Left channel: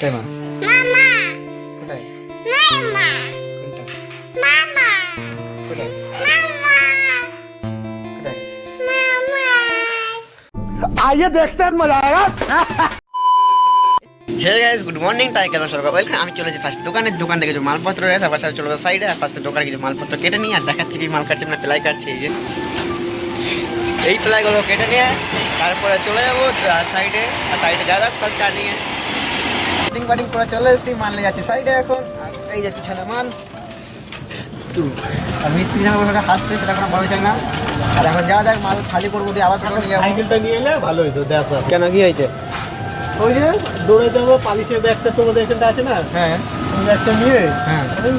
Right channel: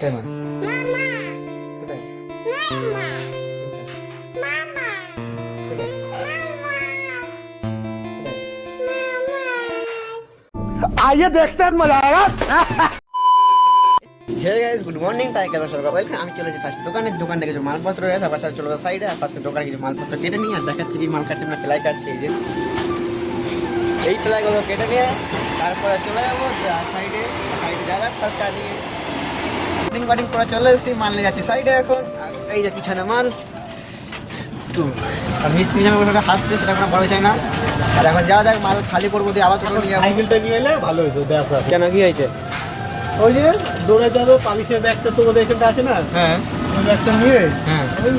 তাই মা? মামা কোথায়? মামা মামা কোথায়? মামা মামা आइए देखते हैं मजा आएगा। Hey guys, good morning. তাই কেমন সরকার বলছেন? আমি চলেছি ফার্স্ট দোকান থেকে কিছু মালপত্র রয়েছে, তারপর চলে যাবো সাইডে, আর ফার্স্টে দোকানে কিছু মালপত্র কেটে নিয়ে আর দেখাচ্ছি কি মাল কাটছে, মানে প্লাই কাটছে। এই প্লাইগুলো কেটে নিয়ে তারপরে চলে যাবো সাইডে, আর সাইডে যা যাক ফার্স্ট কাটিংয়ে কাটিং করে চলে এসেছি, মাল নিয়ে যাচ্ছি সাইডে এখন। আর এই যে পিছনে মাল তো, আর মিস্ত্রি যখন ওটা হাসছে সেটা কোনো বড় বিষয় না। আর এখন যাওয়া যাক, মাল খালি করবো দিয়ে আবার করে নিয়ে যাবো। সাইকেলটা নিয়ে এলে ভালো হতো। দেখ কেন কি হয়েছে, ওই যে দৌড়াইতে হবে, পালিশের ব্যাগটা তোমাদের এখানে আছে না, হ্যাঁ ওই ব্যাগটা নিয়ে হ্যাঁ ওই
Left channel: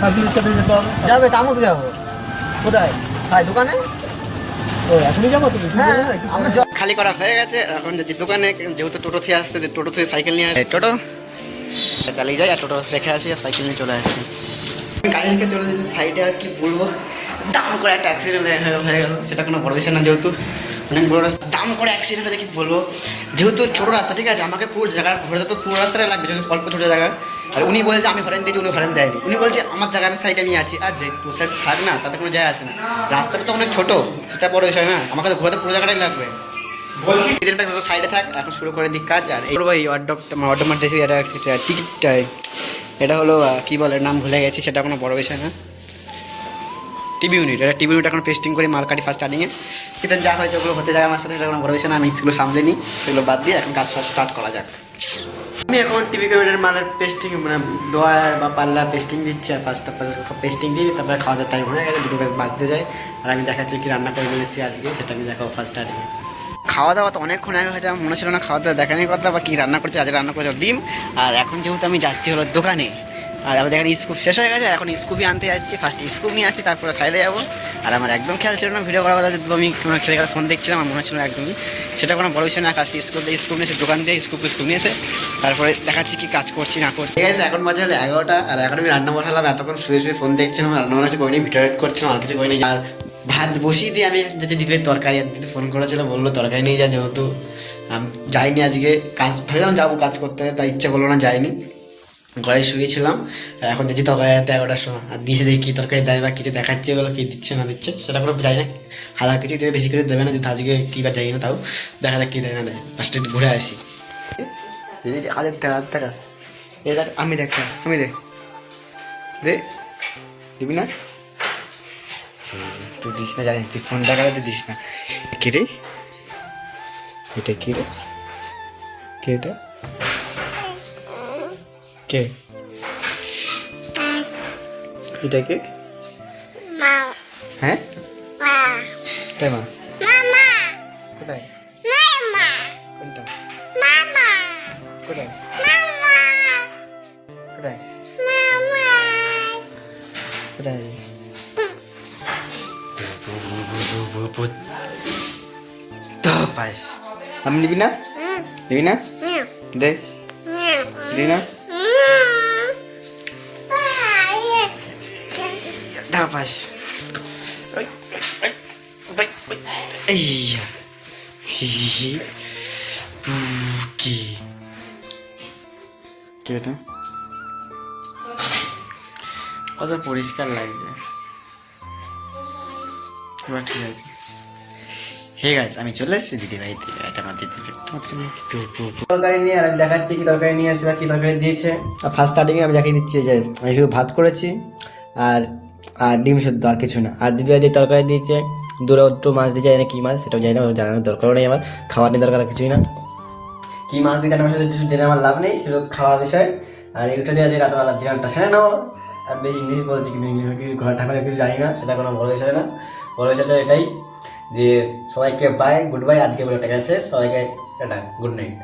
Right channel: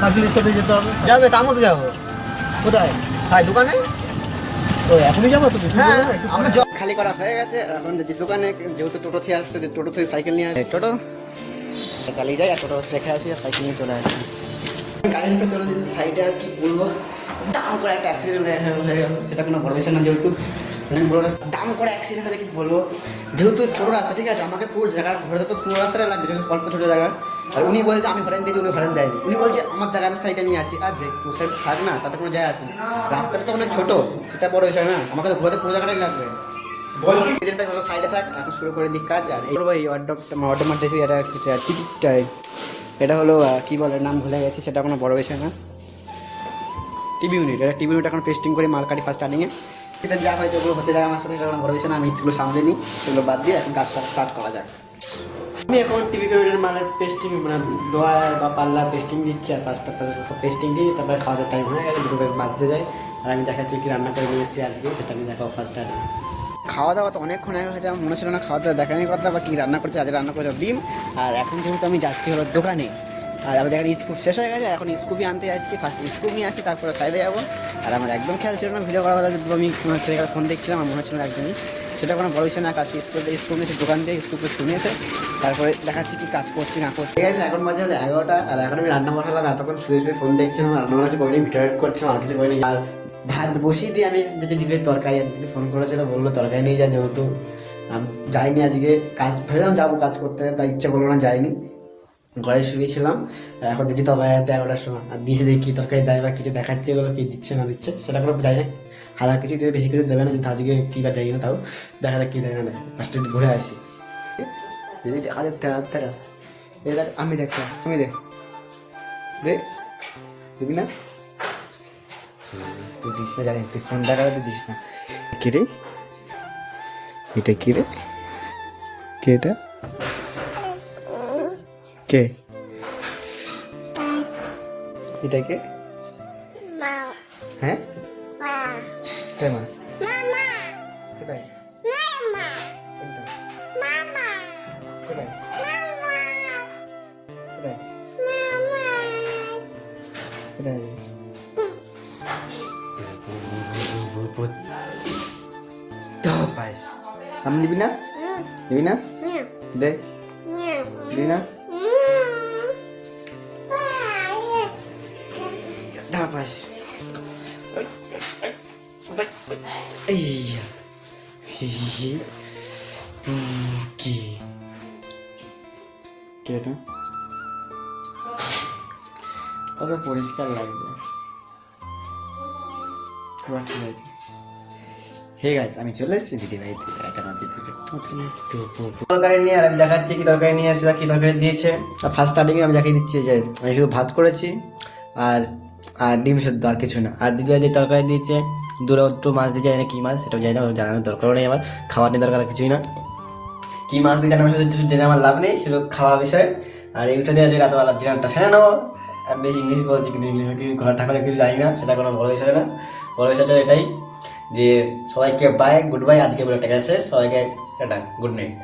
সার্ভিসের সাথে যেতে হবে। যাবে, তা মতো যাবো কোথায়? ভাই দোকানে। ও, এখনই যাবো তুমি? হ্যাঁ আমার জব খালি করা হয়ে গেছে। এখন যদি দোকানে, যেহেতু টোটো থেকে আসতে, টোটো থেকে সাইকেল নিয়ে আসে, টোটো চালিয়ে যাই আর টোটো রেখে আসি আর সাইকেল নিয়ে চলে আসি। গাড়ি রেখে চলে যাচ্ছি সাইডে। আর কি বলবো, দাম করে একটা অ্যাক্সিডেন্ট হয়ে গেল। সেটা কোনো বড় বিষয় না, যেহেতু অনেক বড় দাম করে অ্যাক্সিডেন্ট হলে কি বলবো, যেহেতু ছোটো রাস্তা, ঠিক আছে, আমাকে পুরো জায়গা ঘরে তো পুরো রাস্তাটা লাগবে, যেহেতু অল্প ছোটো জায়গা। আর উনি বলছে আমি হরেন দিয়েছি, উনি হরেন দেয়নি। উনি বলছে আমার জায়গার সাইডে আমি আছি, আর যে টু সাইড থাক না, তাতে কোনো যায় আসে না। রাস্তাটা তো অনেক ছোটো, সেটা বড় বিষয় না, আমাকে তো ঘরে পুরো জায়গাটাই লাগবে। বলছি সাইডে থাক, এখন শুরু করে দিক কাজ। আর এই ভাই অর্ডার দেখি, এটা টিকিটটাই, এটা হলো কী বলে, নাম ভুলে গেছি, সেটা কোনো বড় বিষয় না। টিভি ইউনিট, এটা টিভি ইউনিট এখন পেস্টিং করে মাল কাটি ফার্স্ট স্টার্টিংয়ে। এটা যা হয়েছে ওগুলো হতে যায় আমার সাথে, সেটা কোনো বড় বিষয় না। আমি সেগুলো সামলে নিই, সেগুলো বাদ দিয়ে এখন কাজ স্টার্ট করা যাক। আমি এখন টিভি ইউনিটের মালের পেস্টিং, মানে ডোয়ার বা পাল্লার পেস্টিং দিচ্ছি, আর পাঁচটা পেস্টিং দিই। তারপরে খাওয়া দাওয়ার টাইম হয়ে গেছে, দুটো কাজ বাঁচতে যায়। আর আমি দেখাচ্ছি কি রান্না করে নিয়ে এসেছি আজকে, সেটা আমি দেখাবো ফার্স্ট স্টার্টিংয়ে। খাওয়া দাওয়া তো অনেকক্ষণ আগে হয়েছে, মনে ছিল না খাওয়া দাওয়া দেখানোর কথা, বা কী রান্না করছে। আজকে রান্না করেছে ডিম। আর এখন যেহেতু আমি যাচ্ছি হলো দোকানে, আর আমাদের এখানে স্কুপ শেষ হয়ে গেছে, এখন স্কুপই আনতে যাচ্ছি। ফার্স্ট স্কুপ নিয়ে আসি, তারপরে সাইডে যাবো। আর আমার একদম খেয়াল ছিল না ভিডিও করার কথা, যেহেতু আমি কোনো একটা ফোন দেখছিলাম, আমার মনে ছিল একদমই, সেটা কোনো বড় বিষয় না। কাজটি স্কুপ নিয়ে এসে দোকান দিয়ে স্কুপ নিয়ে এসে তারপরে দেখাচ্ছি কি কাজ করছি না করছি। ঠিক আছে, এখন বাজে হলো 11টা, আর এখন আমি রান্না বসালাম। এতক্ষণ শুয়ে ফোন দেখছিলাম, রান্না বান্না করিনি, ভিডিও এডিট করছিলাম, আর কিছু করিনি। আর ভাত বসিয়ে দিয়ে আমি যাতে দিদির তরকারি, দিদি ফোন করেছিল, বললো তরকারি নিয়ে যা, যেহেতু যাইনি আজকে কাজ, ভেবেছিলাম যাবো কাজ করতে, তাই ইচ্ছে করলো না, যাইনি, ঘরে শুয়েছিলাম। এখন দিদি তরকারি আনতে 11টার সময়, আর দিয়ে দেখি কী তরকারি দেয় বা কিছু দেখাচ্ছে, ওগুলো কী দিচ্ছে না দিচ্ছে সেটা কোনো যাই না। হালকা কিছু দেবে, বেশি করে দেবে না, যদি আজকে কী বা যাই না, তাও দেখা যাক কী দেয় না দেয়। ফার্স্টে ঘুরে আসি। দিদি হাজার টাকা এ দেখ, আমি দেখ দে, দিবি না? তুই দিস না, জানি তুই ফোন টাকা দিস না। কী রে এটা, কী রে, কে এটা, কে এটা, কে? মা হ্যাঁ মা কে মা? মামা কোথায়? মামা কোনটা? মামা কোথায়? মামা কোথায়? মামা কোথায়? আমি দিবি না, দিবি না, দে, দিবি না, পাস। এই কি এটা কত পরিষ্কার লাগছে। ঠিক আছে, হে গাইস, আমি চলে এসেছি দিদি বাড়িতে। এটা আমার দিদি তরকারি নিয়ে, আর আমি দেখাচ্ছি কি তরকারি নিয়ে আসি বা কী তরকারি দিয়েছে। আর ফার্স্ট স্টার্টিংয়ে আমি দেখিয়ে দিচ্ছি যে আমি শুধু ভাত করেছি আর আর ডিম শুদ্ধ, আর কিছু না। আর দিদি যে তরকারি দিয়েছে, দুটো মাছ দিয়ে যায় না, কী মাছ সেটাও জানি না, জানানোর দরকারও নেই আমার, খাওয়ার নিয়ে দরকার কিছুই না। কী মাছ দিয়ে আমার সাথে জেনে আমার লাভ নেই, শুধু খাওয়া বিষয়। আর এইটা দিয়ে যে রাতবেলা ডিনারটা সেরে নেওয়া। আর বেশি ইংলিশ বলছি, কিন্তু ইংলিশ ঘর ঠাকুর কিছু জানি না, সেটা কোনো বড় বিষয় না। বড় বিষয়টা এটাই যে সবাইকে বাই, গুড বাই, আজকে বলে টাকা শেষ, সবাইকে এটা গুড নাইট।